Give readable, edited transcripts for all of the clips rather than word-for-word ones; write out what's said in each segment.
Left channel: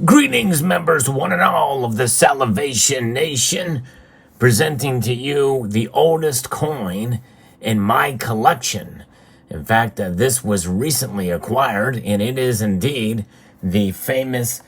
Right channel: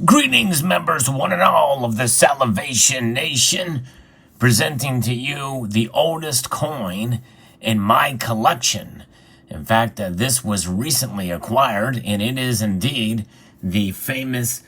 Greetings, members, one and all of the Salivation Nation, presenting to you the oldest coin in my collection. In fact, this was recently acquired, and it is indeed the famous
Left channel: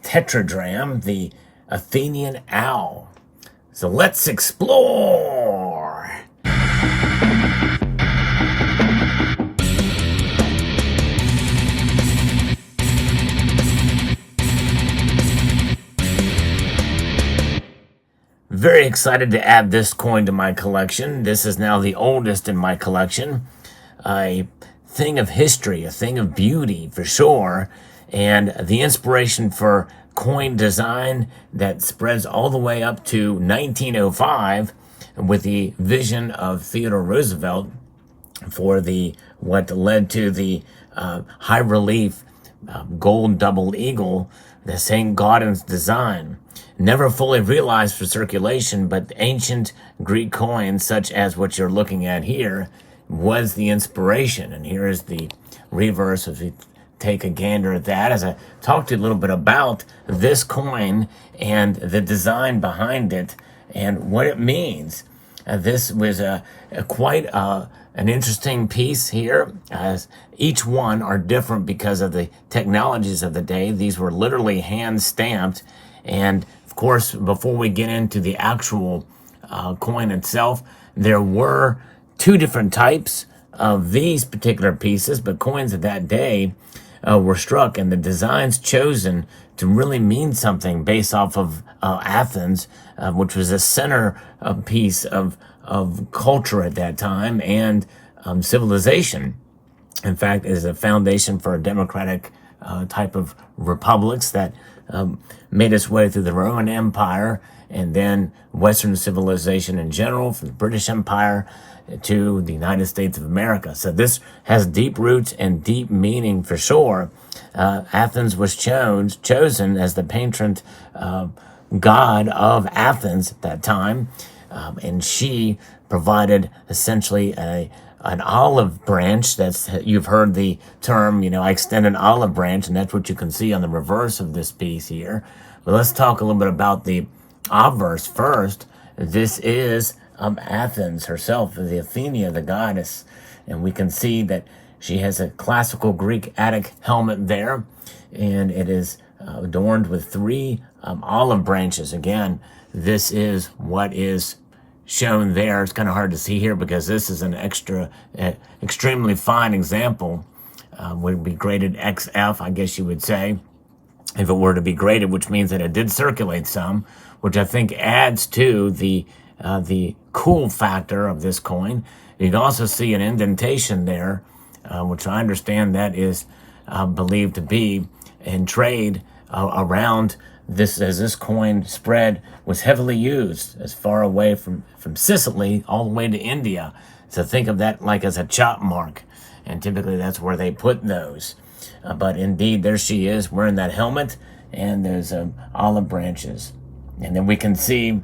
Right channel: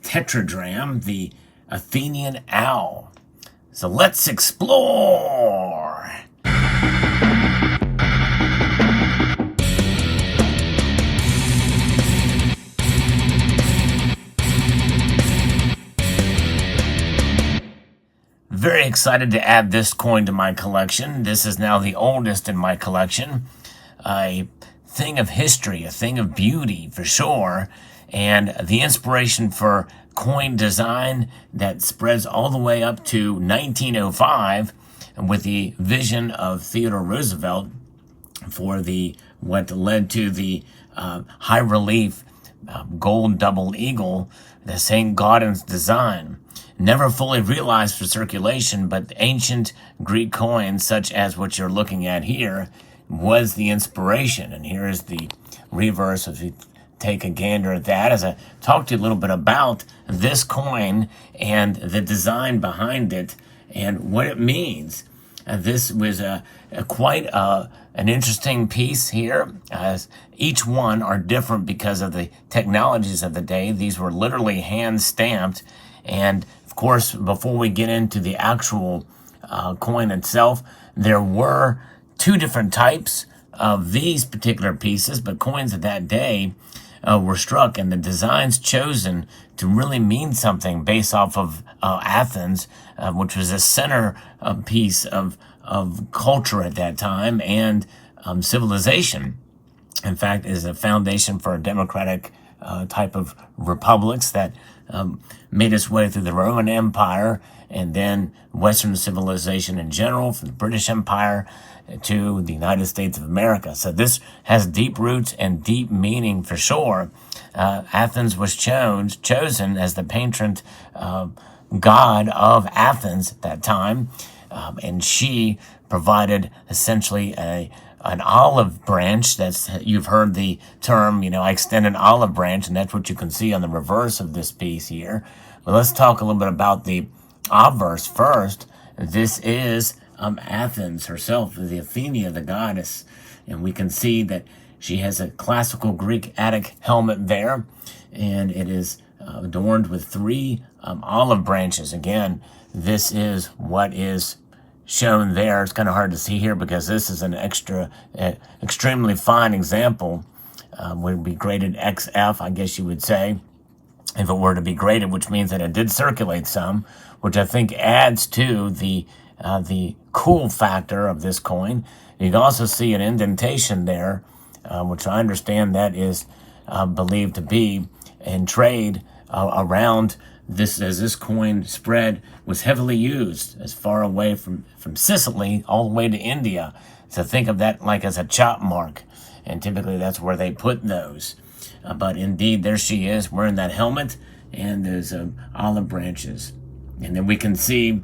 tetradrachm, the Athena Owl. So let's explore! Very excited to add this coin to my collection. This is now the oldest in my collection. A thing of history, a thing of beauty for sure, and the inspiration for coin design that spreads all the way up to 1905 with the vision of Theodore Roosevelt for what led to the high relief gold double eagle, the St. Gaudens design. Never fully realized for circulation, but ancient Greek coins, such as what you're looking at here, was the inspiration. And here is the reverse as we take a gander at that, as I talk to you a little bit about this coin and the design behind it and what it means. This was quite an interesting piece here, as each one are different because of the technologies of the day. These were literally hand-stamped, and of course, before we get into the actual coin itself, there were two different types of these particular pieces, but coins of that day were struck, and the designs chosen to really mean something based off of Athens, which was a center piece of culture at that time and civilization. In fact, is a foundation for a democratic type of republics that made its way through the Roman Empire and then Western civilization in general, from the British Empire to the United States of America. So this has deep roots and deep meaning for sure. Athens was chosen as the patron god of Athens at that time, and she provided essentially an olive branch. You've heard the term, I extend an olive branch, and that's what you can see on the reverse of this piece here. But let's talk a little bit about the obverse first. This is Athens herself, the Athena, the goddess, and we can see that she has a classical Greek Attic helmet there, and it is adorned with three olive branches. Again, this is what is shown there. It's kind of hard to see here because this is an extremely fine example. Would be graded XF, I guess you would say, if it were to be graded, which means that it did circulate some, which I think adds to the cool factor of this coin. You can also see an indentation there, which I understand that is believed to be in trade around this, as this coin spread was heavily used as far away from Sicily all the way to India. So think of that like as a chop mark, and typically that's where they put those. But indeed, there she is wearing that helmet, and there's olive branches. And then we can see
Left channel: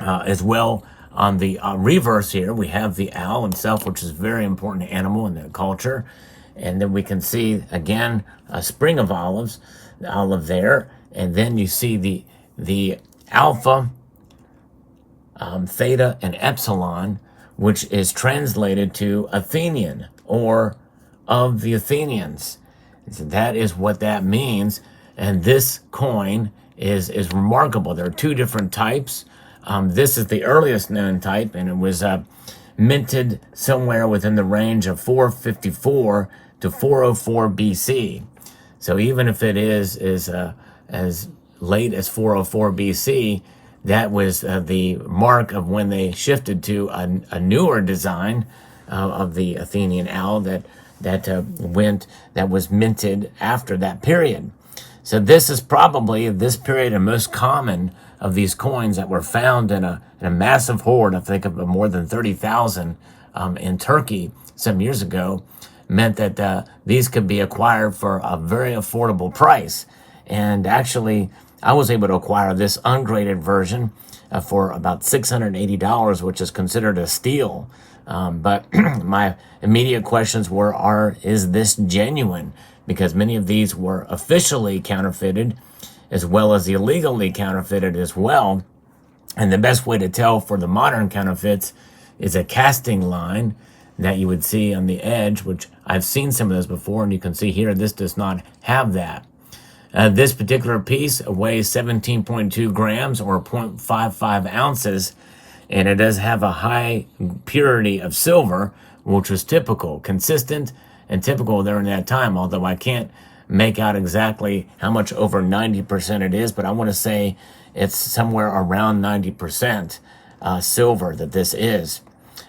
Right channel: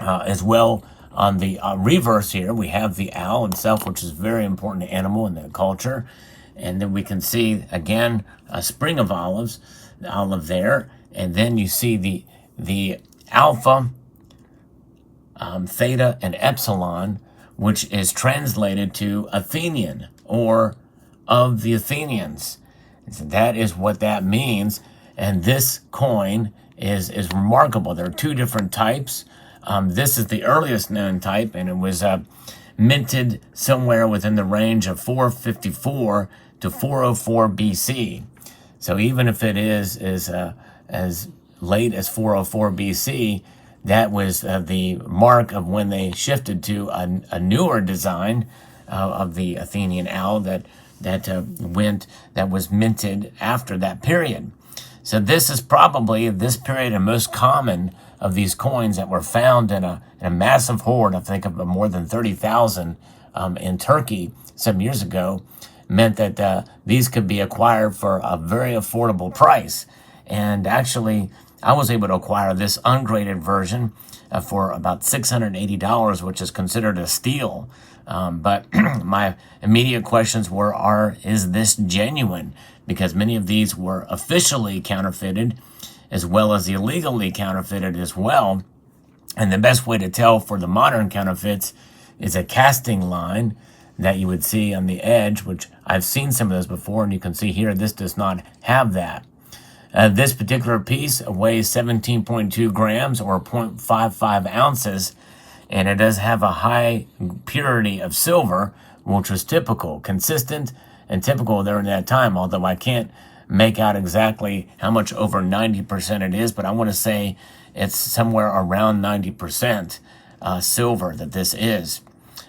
as well on the reverse here, we have the owl itself, which is a very important animal in the culture. And then we can see, again, a spring of olives, the olive there. And then you see the alpha, theta, and epsilon, which is translated to Athenian, or of the Athenians. So that is what that means. And this coin is remarkable. There are two different types. This is the earliest known type, and it was minted somewhere within the range of 454 to 404 BC. So even if it is as late as 404 BC, that was the mark of when they shifted to a newer design of the Athenian owl that was minted after that period. So this is probably this period and most common of these coins that were found in a massive hoard. I think of more than 30,000 in Turkey some years ago, meant that these could be acquired for a very affordable price. And actually, I was able to acquire this ungraded version for about $680, which is considered a steal. But my immediate questions were, is this genuine? because many of these were officially counterfeited as well as illegally counterfeited as well. And the best way to tell for the modern counterfeits is a casting line that you would see on the edge, which I've seen some of those before, and you can see here this does not have that. This particular piece weighs 17.2 grams or 0.55 ounces, and it does have a high purity of silver, which was typical, consistent, and typical during that time, although I can't make out exactly how much over 90% it is, but I want to say it's somewhere around 90% silver that this is.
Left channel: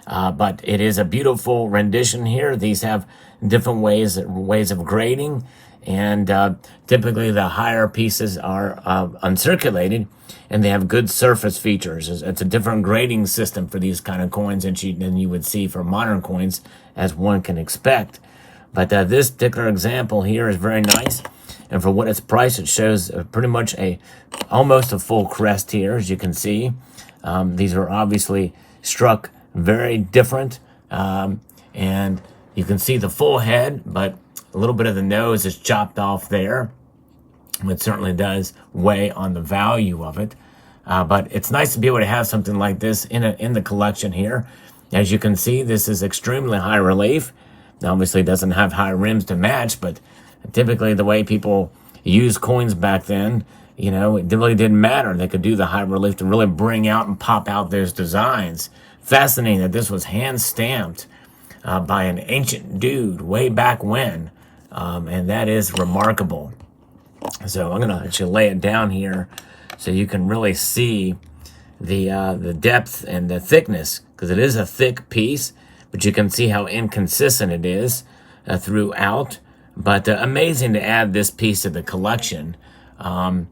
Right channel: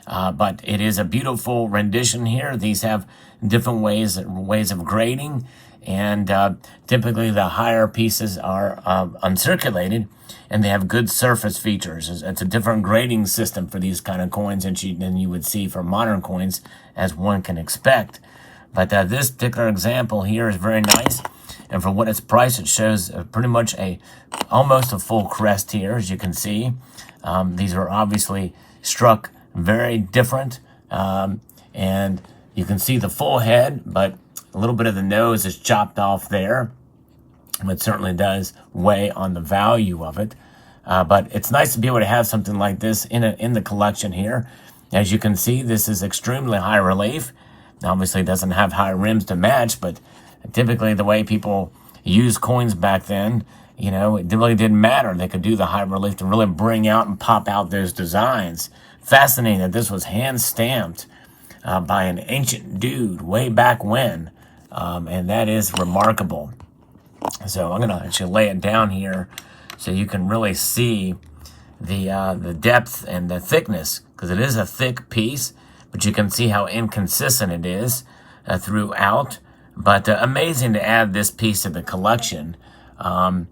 But it is a beautiful rendition here. These have different ways of grading, and typically the higher pieces are uncirculated, and they have good surface features. It's a different grading system for these kind of coins than you would see for modern coins, as one can expect. But this particular example here is very nice, and for what it's priced, it shows pretty much almost a full crest here, as you can see. These are obviously struck very different, and you can see the full head, but a little bit of the nose is chopped off there. It certainly does weigh on the value of it, but it's nice to be able to have something like this in the collection here. As you can see, this is extremely high relief. Obviously, it doesn't have high rims to match, but typically the way people used coins back then, it really didn't matter. They could do the high relief to really bring out and pop out those designs. Fascinating that this was hand stamped by an ancient dude way back when, and that is remarkable. So I'm going to actually lay it down here so you can really see the depth and the thickness, because it is a thick piece, but you can see how inconsistent it is throughout. But amazing to add this piece to the collection. And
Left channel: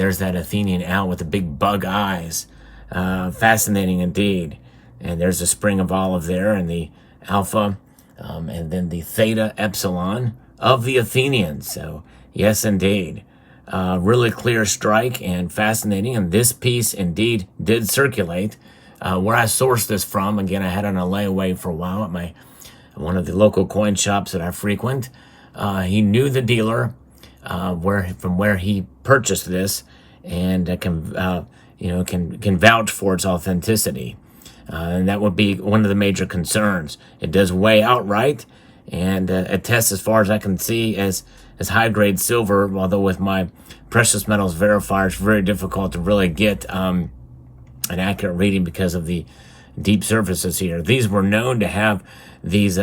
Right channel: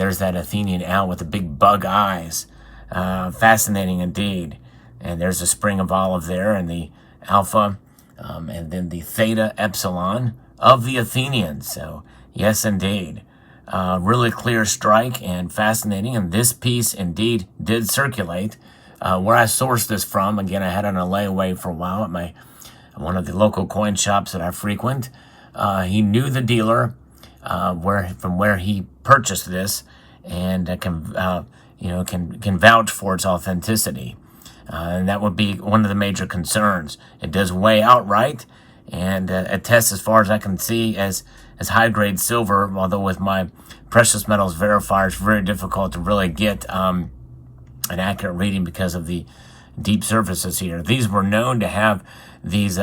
there's that Athenian owl with the big bug eyes. Fascinating indeed. And there's the spring of olive there, and the alpha, and then the theta epsilon of the Athenians. So yes, indeed. Really clear strike and fascinating. And this piece indeed did circulate. Where I sourced this from, again, I had it on a layaway for a while at one of the local coin shops that I frequent. He knew the dealer from where he purchased this, and can vouch for its authenticity. And that would be one of the major concerns. It does weigh outright, and it tests, as far as I can see, as high-grade silver, although with my precious metals verifier, it's very difficult to really get an accurate reading because of the deep surfaces here. These were known to have these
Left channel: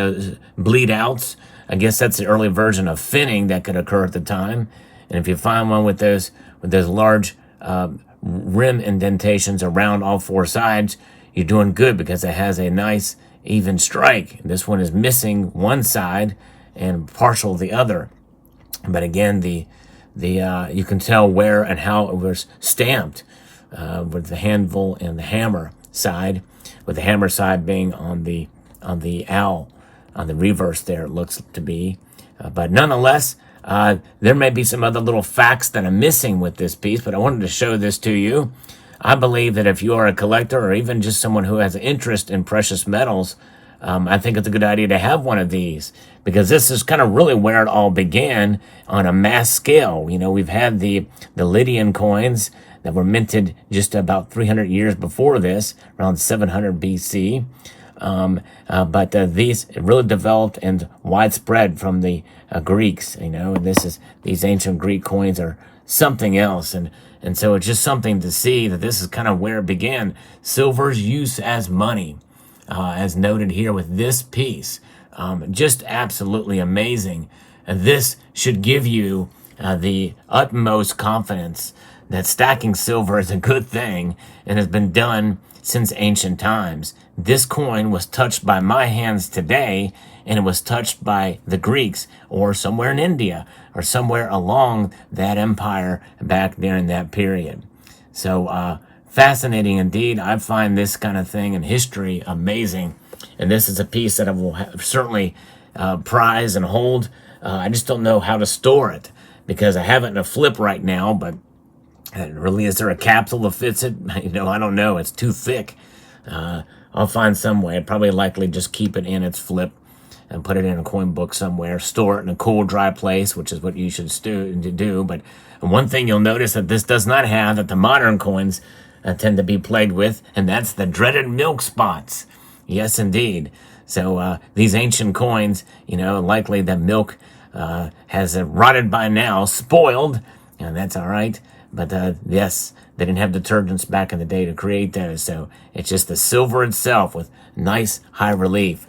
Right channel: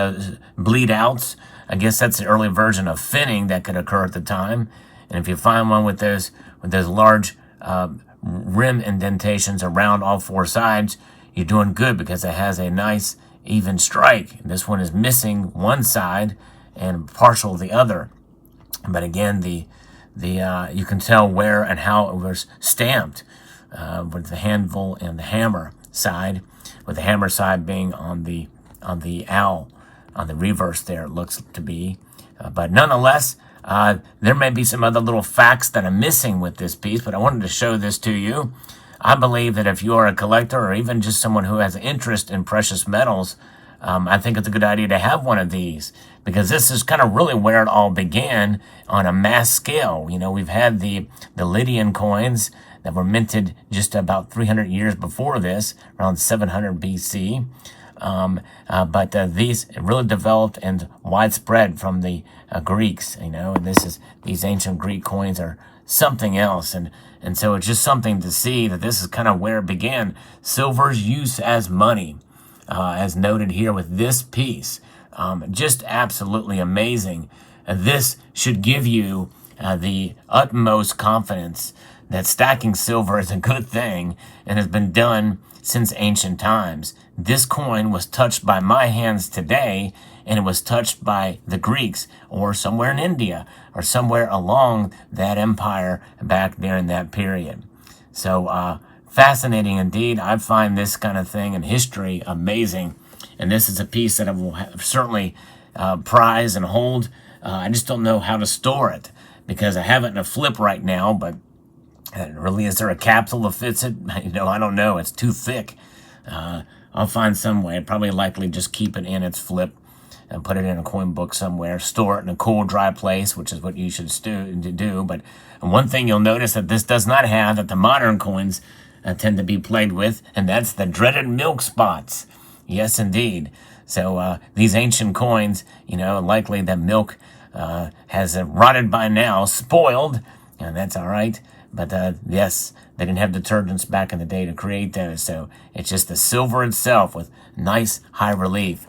bleed outs. I guess that's the early version of finning that could occur at the time. And if you find one with those large rim indentations around all four sides, you're doing good, because it has a nice even strike. This one is missing one side and partial the other. But again, you can tell where and how it was stamped. With the handle and the hammer side, with the hammer side being on the owl, on the reverse there, it looks to be. But nonetheless, there may be some other little facts that I'm missing with this piece, but I wanted to show this to you. I believe that if you are a collector, or even just someone who has an interest in precious metals, I think it's a good idea to have one of these, because this is kind of really where it all began on a mass scale. We've had the Lydian coins that were minted just about 300 years before this, around 700 BC. But these really developed and widespread from the Greeks. These ancient Greek coins are something else, and so it's just something to see that this is kind of where it began. Silver's use as money, as noted here with this piece, just absolutely amazing. And this should give you the utmost confidence that stacking silver is a good thing and has been done since ancient times. This coin was touched by my hands today, and it was touched by the Greeks, or somewhere in India, or somewhere along that empire back there in that period. So fascinating indeed. I find this kind of thing in history amazing, and this is a piece that I will certainly prize and hold. I just don't know how to store it, because I have it in a flip right now, but really, is there a capsule that fits it? I don't know. It's too thick. I'll find some way. I'd probably likely just keep it in its flip and put it in a coin book somewhere, store it in a cool, dry place, which is what you should do. But one thing you'll notice that this does not have, that the modern coins tend to be played with, and that's the dreaded milk spots. Yes, indeed. So these ancient coins, likely the milk has rotted by now, spoiled, and that's all right. But yes, they didn't have detergents back in the day to create those, so it's just the silver itself with nice high relief.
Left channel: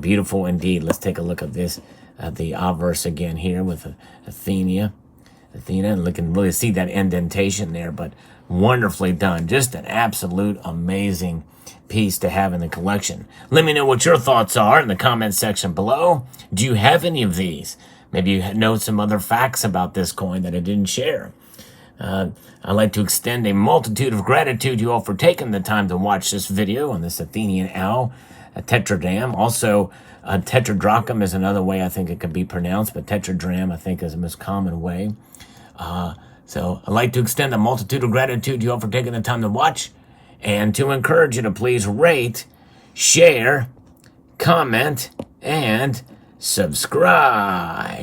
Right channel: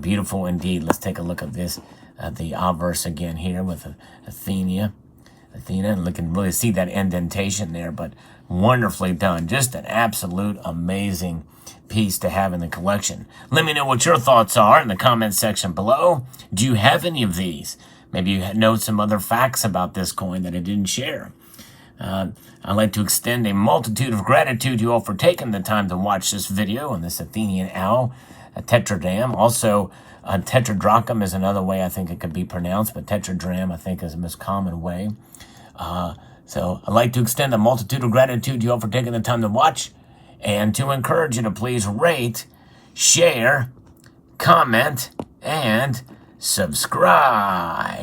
Beautiful indeed. Let's take a look at this, the obverse again here with Athena, and you can really see that indentation there, but wonderfully done. Just an absolute amazing piece to have in the collection. Let me know what your thoughts are in the comment section below. Do you have any of these? Maybe you know some other facts about this coin that I didn't share. I'd like to extend a multitude of gratitude to you all for taking the time to watch this video on this Athena Owl Tetradrachm. Also, Tetradrachm is another way I think it could be pronounced, but Tetradrachm I think is the most common way. So I'd like to extend a multitude of gratitude to you all for taking the time to watch, and to encourage you to please rate, share, comment, and subscribe.